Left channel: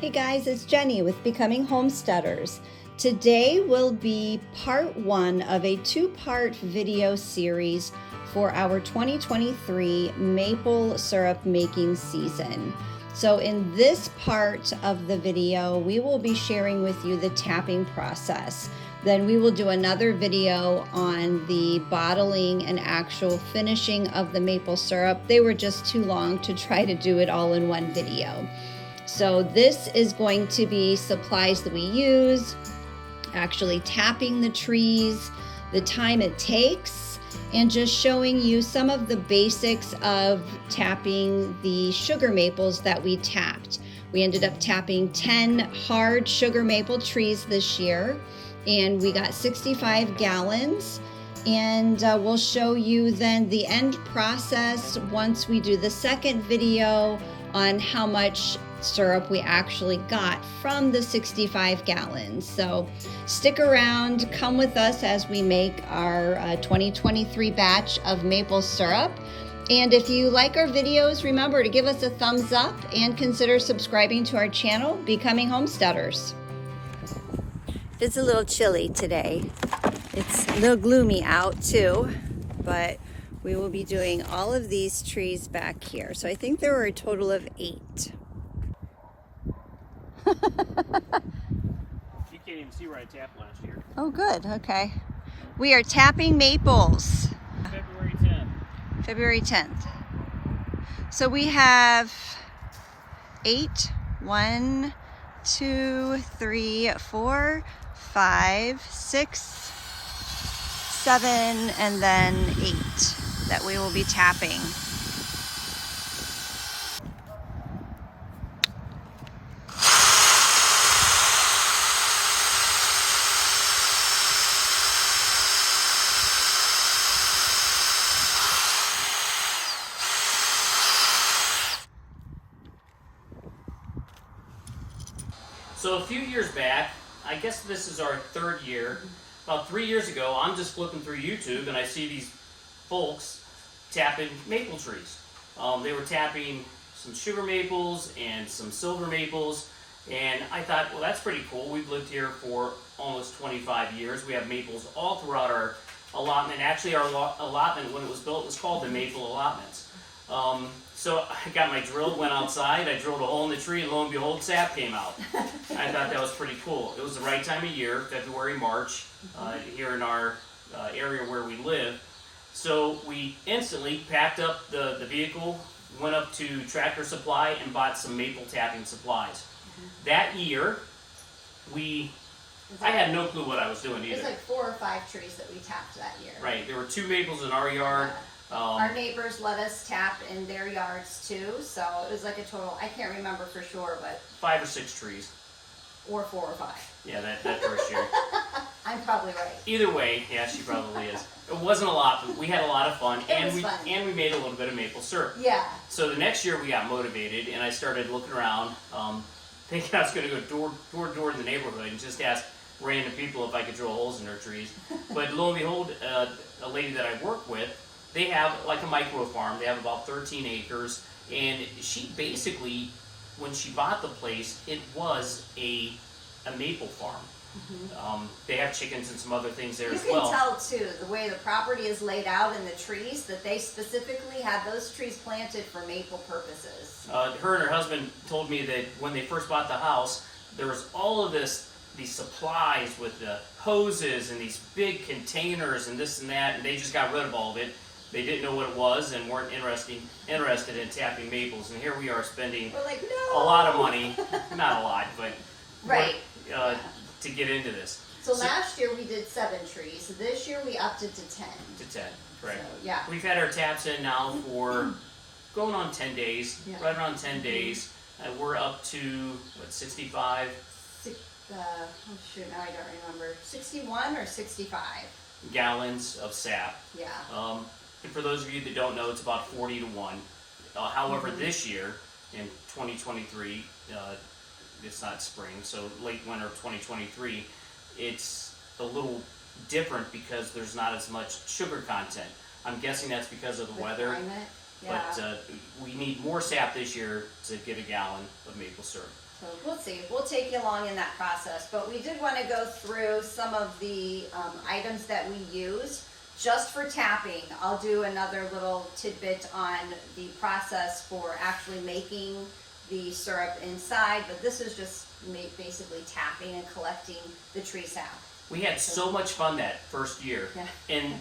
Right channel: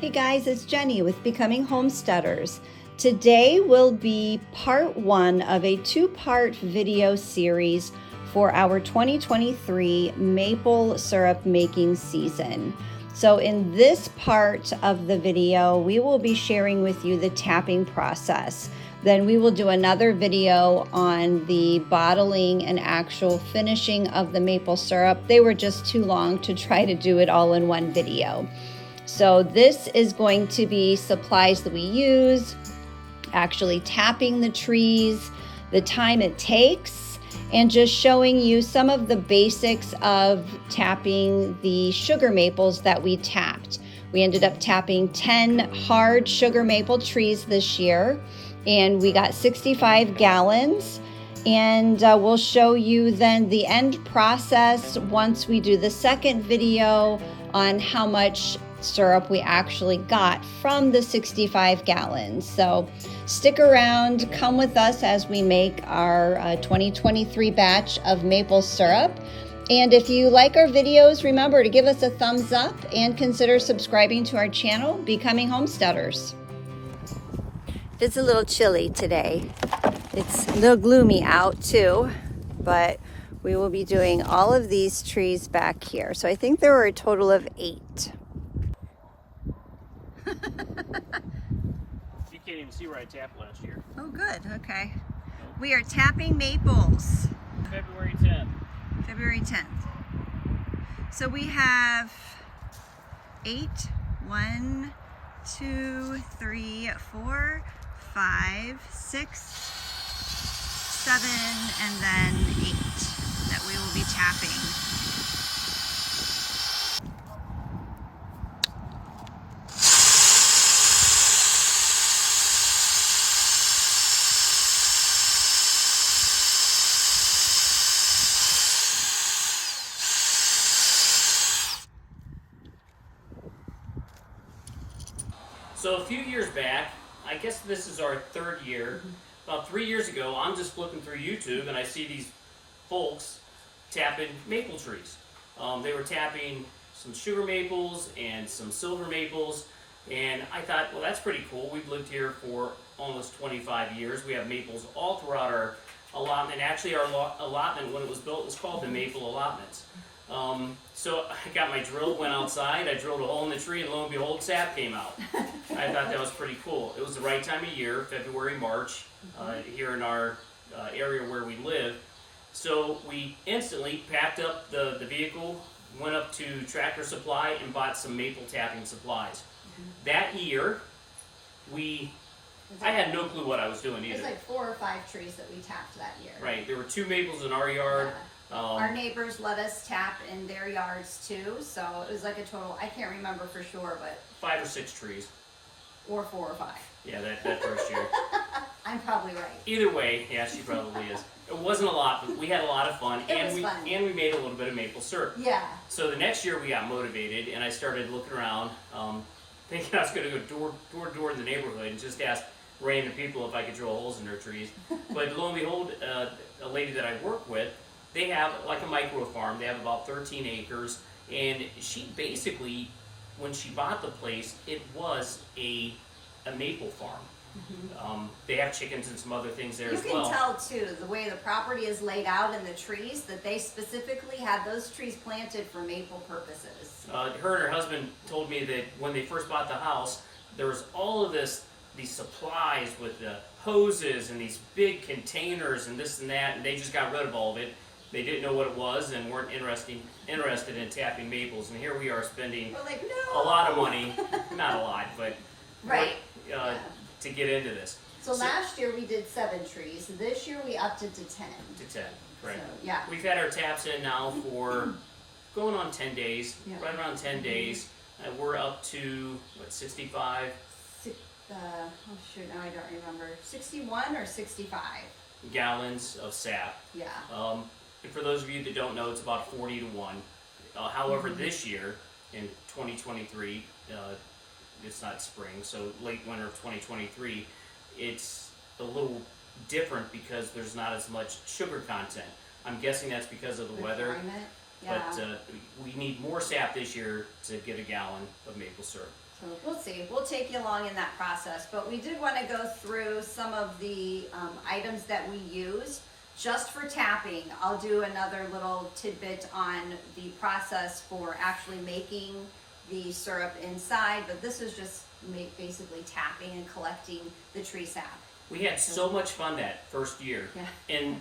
Hey guys, it's Jenny with Becoming Homesteaders. Today will be part one of a two-part video series for our 2023 maple syrup making season. So in this part of the video, we will be sharing with you the tapping process. Then we will do another video on the bottling and actual finishing of the maple syrup. They were just too long to try to do it all in one video. So this is going to be supplies that we use, actually tapping the trees, the time it takes, and just showing you some of the basics of tapping the sugar maples that we tapped. We ended up tapping 10 hard sugar maple trees this year, and we got 65 gallons. And we'll show you then the end process once we do the second video on how much syrup we actually got from the 65 gallons. So stick around, come with us as we make our 2023 batch of maple syrup. And if you like our videos, remember to give us a thumbs up and consider subscribing to our channel, Becoming Homesteaders. It's a little chilly today. It's a little gloomy out too, but we will be doing all of these trees back here. So I think there were a total of 8. You can't even see where I tapped last year. Oh, good. Okay. We are tapping maples. February 10th. February 10th. So we have 8. 1, 2, 3, 4, 5, 6, 7, and then 8 that we will be tapping. So a few years back, I guess this is our 3rd year, about 3 years ago, I'm just flipping through YouTube and I see these folks tapping maple trees. They were tapping some sugar maples and some silver maples, and I thought, well, that's pretty cool. We've lived here for almost 25 years. We have maples all throughout our allotment. Actually, our allotment, when it was built, was called the Maple Allotments. So I got my drill, went outside, I drilled a hole in the tree, and lo and behold, sap came out. I thought that was pretty cool. It was the right time of year, February, March, here in our area where we live. So we instantly packed up the vehicle, went up to Tractor Supply, and bought some maple tapping supplies. That year, I had no clue what I was doing either. There's like 4 or 5 trees that we tapped that year. Right, there were 2 maples in our yard. Yeah. Our neighbors let us tap in their yards too, so it was like a total, I can't remember for sure, but 5 or 6 trees. Or 4 or 5. Yeah, that first year. I'm probably right. Either way, yeah, she probably is. It wasn't a lot, but we had a lot of fun, and we made a little bit of maple syrup. Yeah. So the next year we got motivated, and I started looking around, thinking I was going to go door to door in the neighborhood and just ask random people if I could drill holes in their trees. But lo and behold, a lady that I work with, they have like a micro farm. They have about 13 acres, and she basically, when she bought the place, it was a maple farm. They have chickens and some other things there as well. You can tell too, the way the property is laid out in the trees, that they specifically had those trees planted for maple purposes. Her and her husband told me that when they first bought the house, there was all of these supplies with the hoses and these big containers and this and that, and they just got rid of all of it. They didn't know what it was and weren't interested in tapping maples, and here we are spending a lot of money, not a lot, but right. To get into this. So last year we did 7 trees. This year we upped it to 10. To 10, right. So, yeah. We've had our taps in now for going on 10 days, right around 10 days. We're up to, 65? Oh shoot, now I don't remember. 61 or 65? Gallons of sap. Yeah. And for those of you that don't know, it's about 40 to 1. However, this year, in 2023, it's not spring, so late winter of 2023, it's a little different because there's not as much sugar content. I'm guessing that's because of the weather. Climate. Yeah. But we need more sap this year to get a gallon of maple syrup. So we'll see. We'll take you along in that process. But we did want to go through some of the items that we use just for tapping. I'll do another little tidbit on the process for actually making the syrup inside, but this is just basically tapping and collecting the tree sap. We had so much fun that first year, and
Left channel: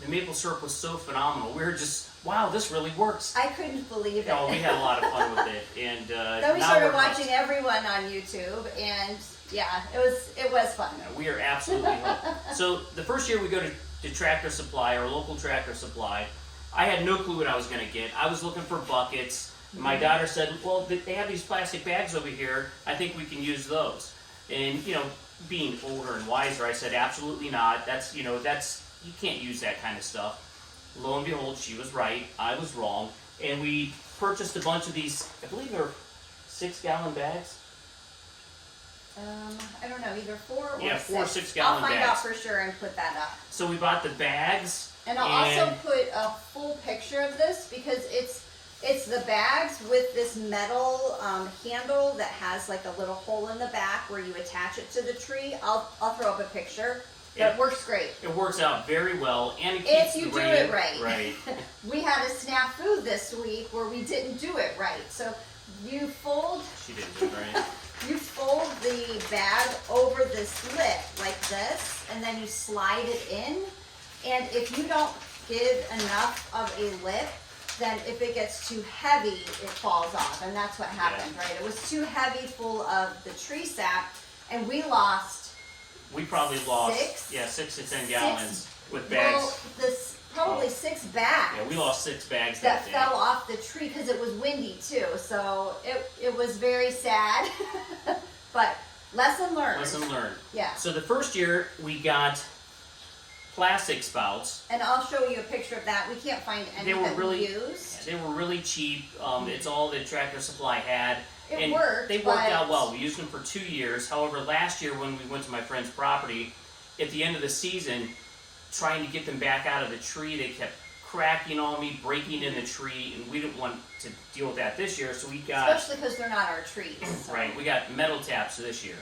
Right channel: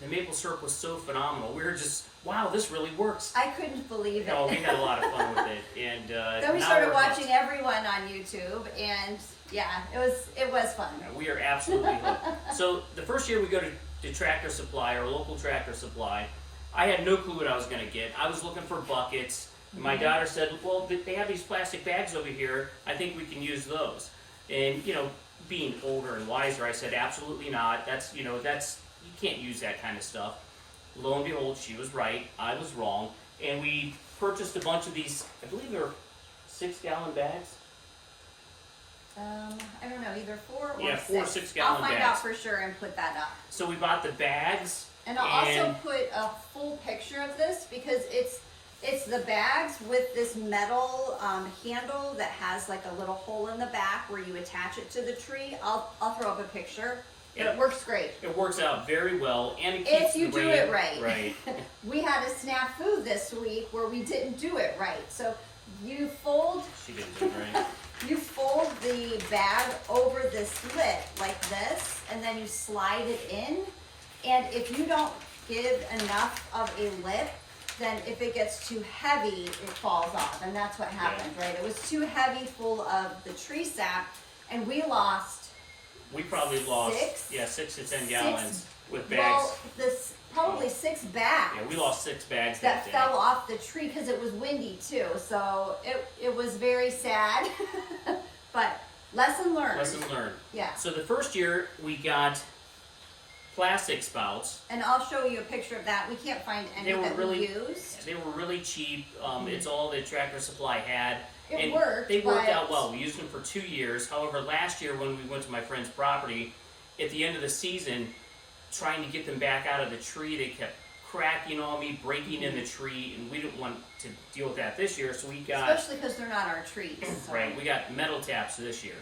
the maple syrup was so phenomenal. We were just, wow, this really works. I couldn't believe it. Oh, we had a lot of fun with it, and then we started watching everyone on YouTube, and yeah, it was fun. Yeah, we are absolutely hooked. So the first year we go to Tractor Supply, or local Tractor Supply, I had no clue what I was going to get. I was looking for buckets. My daughter said, well, they have these plastic bags over here. I think we can use those. And, you know, being older and wiser, I said, absolutely not. That's, you can't use that kind of stuff. Lo and behold, she was right. I was wrong. And we purchased a bunch of these, I believe they're 6-gallon bags. I don't know, either 4 or 6. 4 6-gallon bags. I'll find out for sure and put that up. So we bought the bags. And I'll also put a full picture of this because it's the bags with this metal handle that has like a little hole in the back where you attach it to the tree. I'll throw up a picture. It works great. It works out very well, and it keeps if you the do rain. it right. Right. We had a snafu this week where we didn't do it right. So you fold. She didn't do it right. You fold the bag over this lip like this, and then you slide it in. And if you don't give enough of a lip, then if it gets too heavy, it falls off. And that's what happened, right? It was too heavy, full of the tree sap, and we probably lost 6 to 10 gallons with bags. Well, probably 6 bags. Yeah, we lost 6 bags that day. fell off the tree because it was windy too. So it was very sad, but lesson learned. Lesson learned. Yeah. So the first year we got plastic spouts. And I'll show you a picture of that. We can't find any that we used. They were really cheap. It's all that Tractor Supply had. It worked. They worked out well. We used them for 2 years. However, last year when we went to my friend's property, at the end of the season, trying to get them back out of the tree, they kept cracking on me, breaking in the tree, and we didn't want to deal with that this year, so we got... Especially because they're not our trees. So. Right, we got metal taps this year.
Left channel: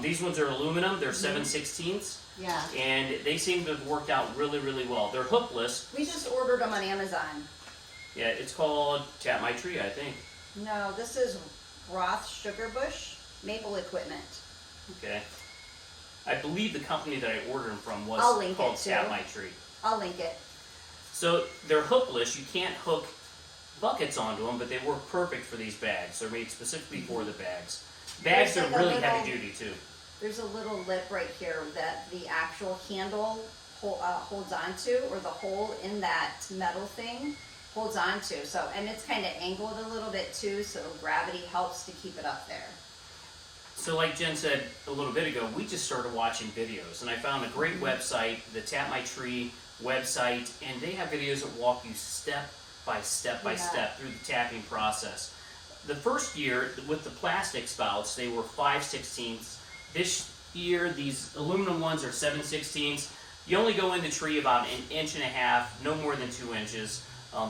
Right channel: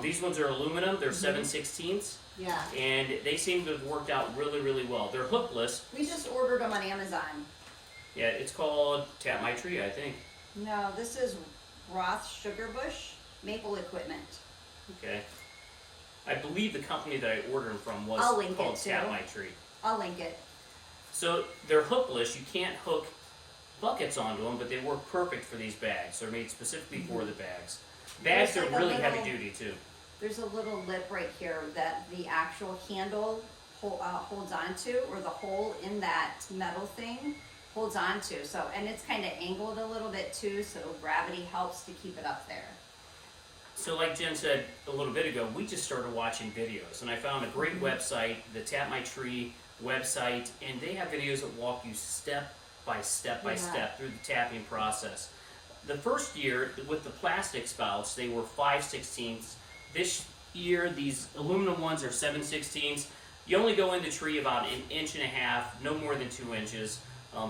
These ones are aluminum, they're 7/16. Yeah. And they seem to have worked out really, really well. They're hookless. We just ordered them on Amazon. Yeah, it's called Tap My Tree, I think. No, this is Roth Sugarbush Maple Equipment. Okay. I believe the company that I ordered them from was called Tap My Tree. I'll link it. So they're hookless. You can't hook buckets onto them, but they work perfect for these bags. They're made specifically for the bags. Bags are really heavy duty too. There's a little lip right here that the actual handle holds onto, or the hole in that metal thing holds onto. So, and it's kind of angled a little bit too, so gravity helps to keep it up there. So like Jen said a little bit ago, we just started watching videos, and I found a great website, the Tap My Tree website, and they have videos that walk you step by step through the tapping process. The first year with the plastic spouts, they were 5/16. This year, these aluminum ones are 7/16. You only go in the tree about 1.5 inches, no more than 2 inches.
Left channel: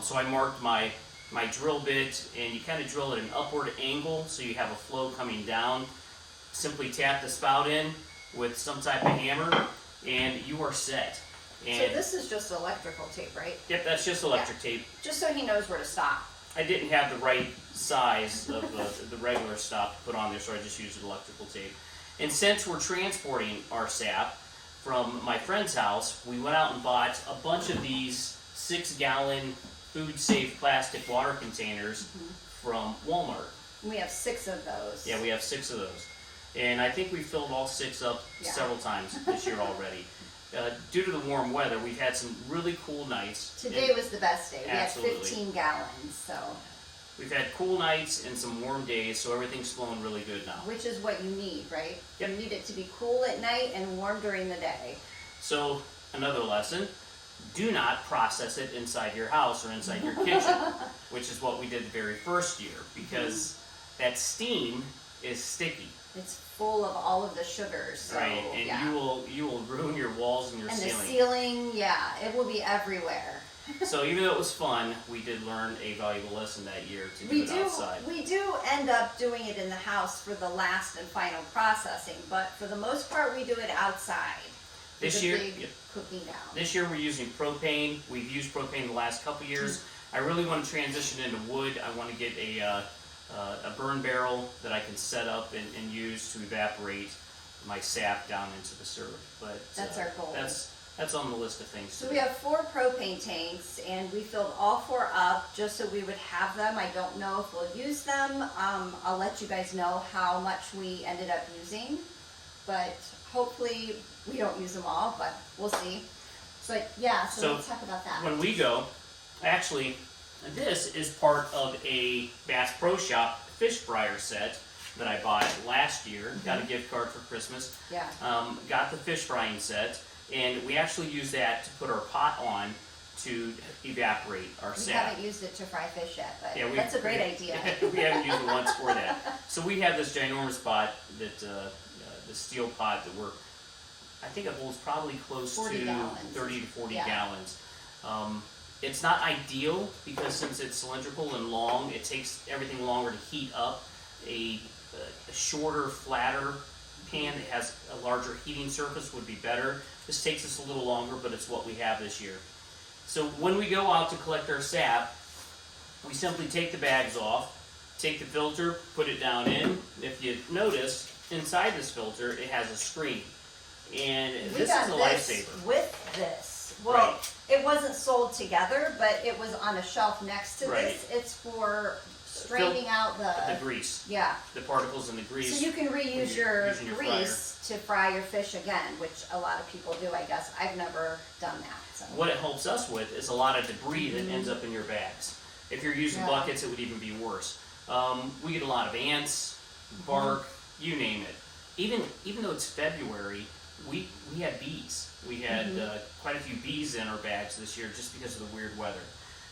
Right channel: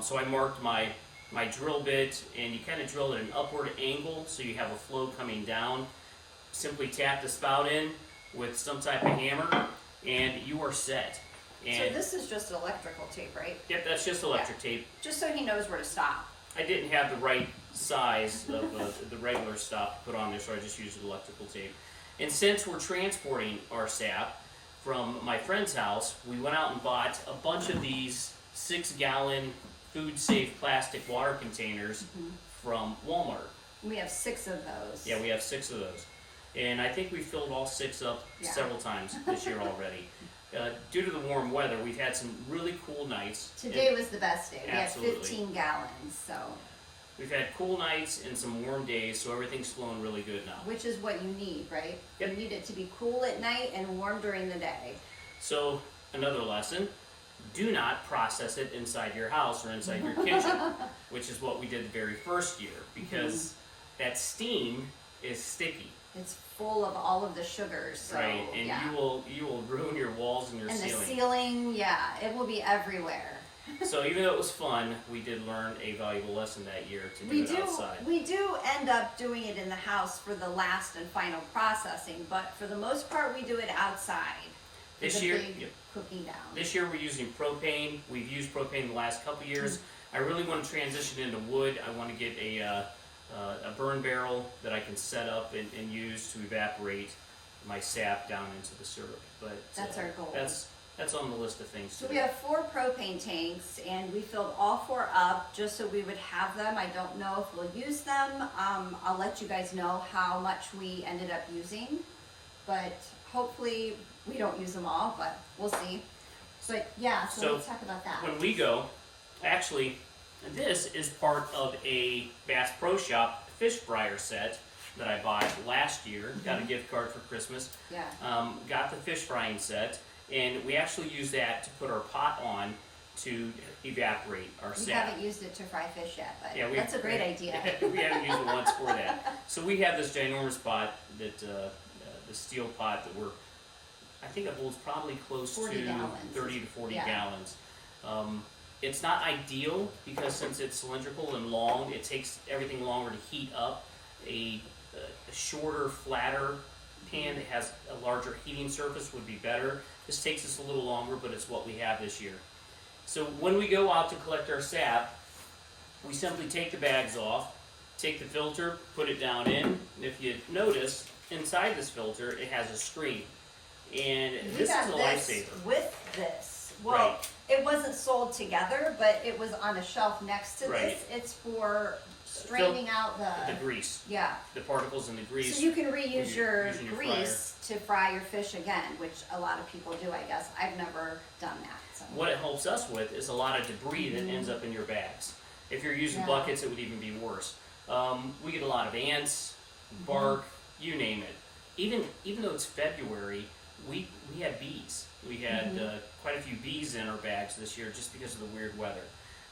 So I marked my drill bit, and you kind of drill at an upward angle so you have a flow coming down. Simply tap the spout in with some type of hammer, and you are set. And so this is just electrical tape, right? Yep, that's just electric tape. Just so he knows where to stop. I didn't have the right size of the regular stop to put on there, so I just used electrical tape. And since we're transporting our sap from my friend's house, we went out and bought a bunch of these 6-gallon food-safe plastic water containers from Walmart. We have 6 of those. Yeah, we have 6 of those. And I think we filled all 6 up several times this year already. Due to the warm weather, we've had some really cool nights. Today was the best day. We had 15 gallons, so. We've had cool nights and some warm days, so everything's flowing really good now. Which is what you need, right? Yep. You need it to be cool at night and warm during the day. So, another lesson, do not process it inside your house or inside your kitchen, which is what we did the very first year, because that steam is sticky. It's full of all of the sugars. So, right, and you will ruin your walls and your ceiling. And the ceiling, it will be everywhere. So even though it was fun, we did learn a valuable lesson that year to do it outside. We do end up doing it in the house for the last and final processing, but for the most part, we do it outside. This year, cooking down. This year we're using propane. We've used propane the last couple years. I really want to transition into wood. I want to get a burn barrel that I can set up and use to evaporate my sap down into the syrup. But that's our goal. That's on the list of things. So we have 4 propane tanks, and we filled all 4 up just so we would have them. I don't know if we'll use them. I'll let you guys know how much we ended up using, but hopefully we don't use them all, but we'll see. So yeah, so let's talk about that. When we go, actually, this is part of a Bass Pro Shop fish fryer set that I bought last year. Got a gift card for Christmas. Yeah. Got the fish frying set, and we actually use that to put our pot on to evaporate our sap. We haven't used it to fry fish yet, but yeah, that's a great idea. We haven't used it once for that. So we have this ginormous pot, that the steel pot that I think it holds probably close to 30 to 40 gallons. It's not ideal because since it's cylindrical and long, it takes everything longer to heat up. A shorter, flatter pan that has a larger heating surface would be better. This takes us a little longer, but it's what we have this year. So when we go out to collect our sap, we simply take the bags off, take the filter, put it down in. If you notice, inside this filter, it has a screen. And this is a lifesaver. With this. Well, right. It wasn't sold together, but it was on a shelf next to right. this. It's for straining out the grease. Yeah. The particles in the grease. So you can reuse your grease fryer. to fry your fish again, which a lot of people do, I guess. I've never done that. So. What it helps us with is a lot of debris that ends up in your bags. If you're using buckets, it would even be worse. We get a lot of ants, bark, you name it. Even though it's February, we had bees. We had quite a few bees in our bags this year just because of the weird weather.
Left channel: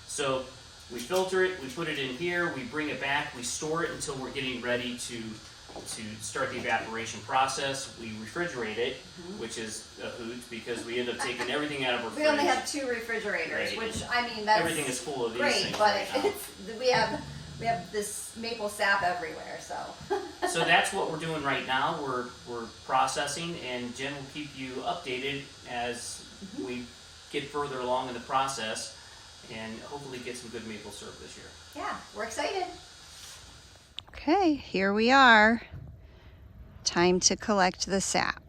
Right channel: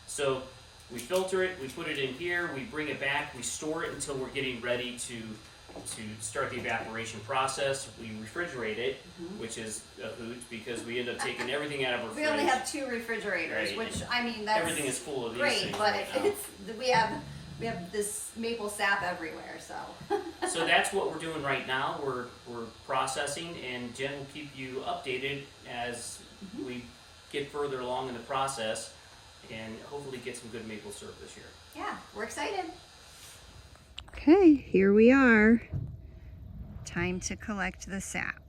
So we filter it, we put it in here, we bring it back, we store it until we're getting ready to start the evaporation process. We refrigerate it, which is a hoot because we end up taking everything out of our fridge. We only have 2 refrigerators, right. which I mean that's everything is full of these great, things but right now. we have this maple sap everywhere, so. So that's what we're doing right now. We're processing, and Jen will keep you updated as we get further along in the process and hopefully get some good maple syrup this year. Yeah, we're excited. Okay, here we are. Time to collect the sap.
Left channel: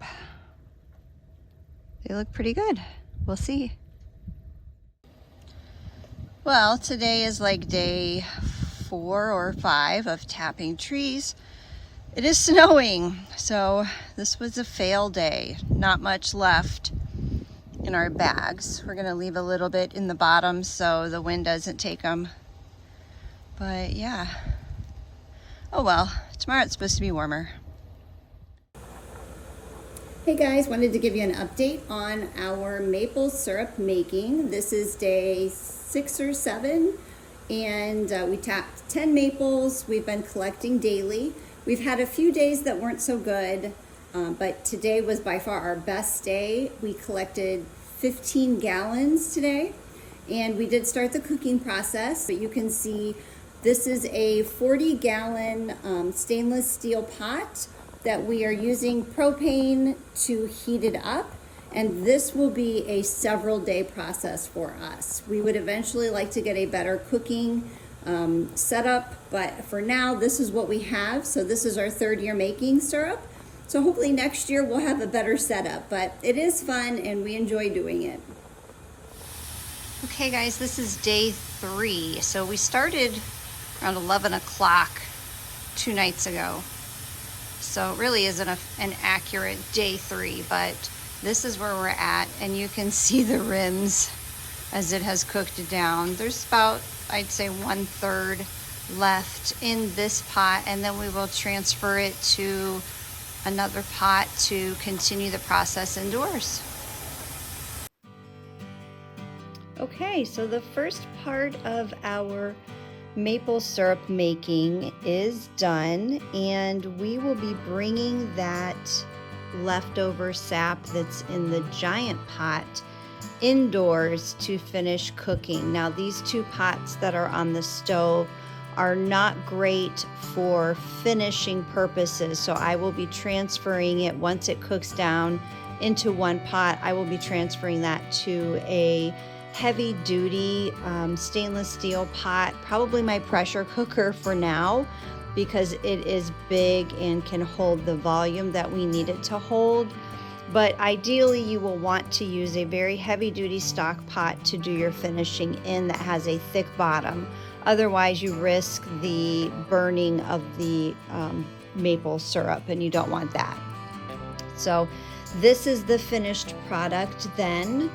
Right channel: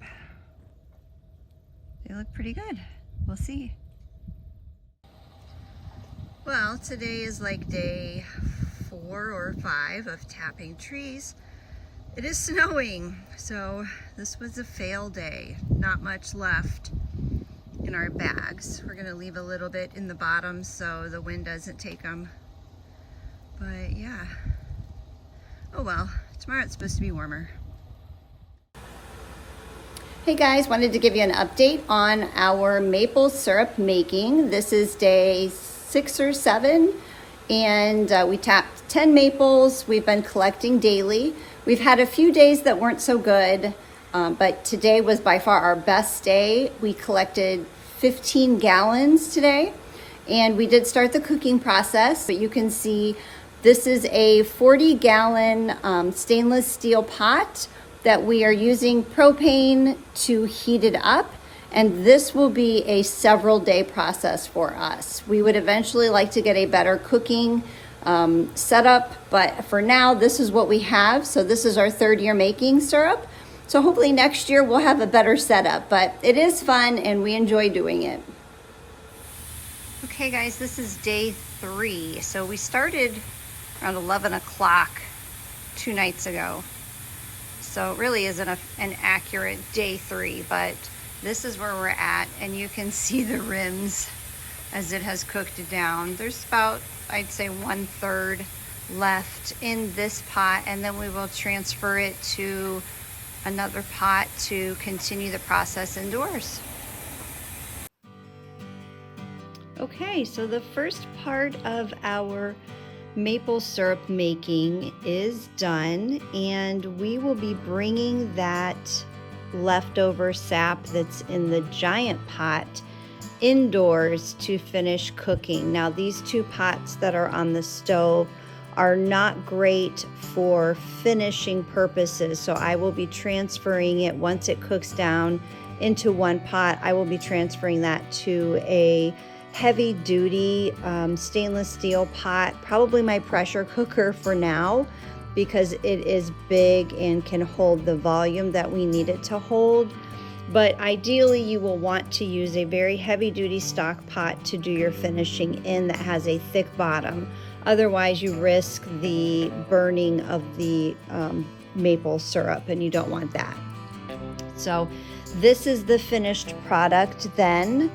They look pretty good. We'll see. Well, today is like day 4 or 5 of tapping trees. It is snowing, so this was a fail day. Not much left in our bags. We're gonna leave a little bit in the bottom so the wind doesn't take them. But yeah. Oh well, tomorrow it's supposed to be warmer. Hey guys, wanted to give you an update on our maple syrup making. This is day 6 or 7, and we tapped 10 maples. We've been collecting daily. We've had a few days that weren't so good, but today was by far our best day. We collected 15 gallons today, and we did start the cooking process, but you can see this is a 40-gallon stainless steel pot that we are using propane to heat it up, and this will be a several day process for us. We would eventually like to get a better cooking setup, but for now this is what we have. So this is our 3rd year making syrup. So hopefully next year we'll have a better setup, but it is fun and we enjoy doing it. Okay guys, this is day 3. So we started around 11 o'clock 2 nights ago. So it really isn't an accurate day 3, but this is where we're at, and you can see the rims as it has cooked down. There's about, I'd say, 1/3 left in this pot, and then we will transfer it to another pot to continue the process indoors. Okay, so the first part of our maple syrup making is done, and we will be bringing that leftover sap that's in the giant pot indoors to finish cooking. Now these 2 pots that are on the stove are not great for finishing purposes, so I will be transferring it once it cooks down into 1 pot. I will be transferring that to a heavy duty stainless steel pot, probably my pressure cooker for now, because it is big and can hold the volume that we need it to hold. But ideally you will want to use a very heavy duty stock pot to do your finishing in that has a thick bottom. Otherwise you risk the burning of the maple syrup, and you don't want that. So this is the finished product then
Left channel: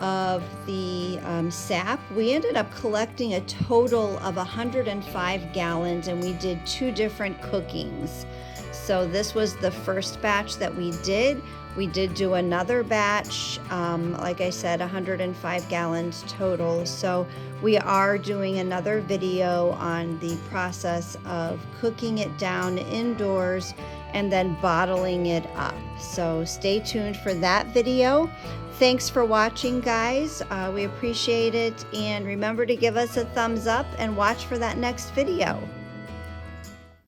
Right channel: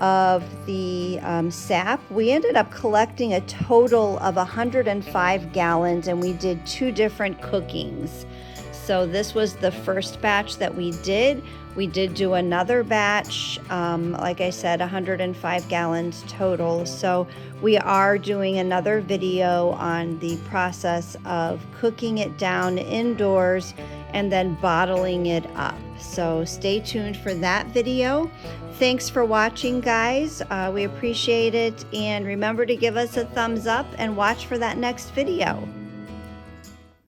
of the sap. We ended up collecting a total of 105 gallons, and we did 2 different cookings. So this was the first batch that we did. We did do another batch, like I said, 105 gallons total. So we are doing another video on the process of cooking it down indoors and then bottling it up. So stay tuned for that video. Thanks for watching, guys. We appreciate it. And remember to give us a thumbs up and watch for that next video.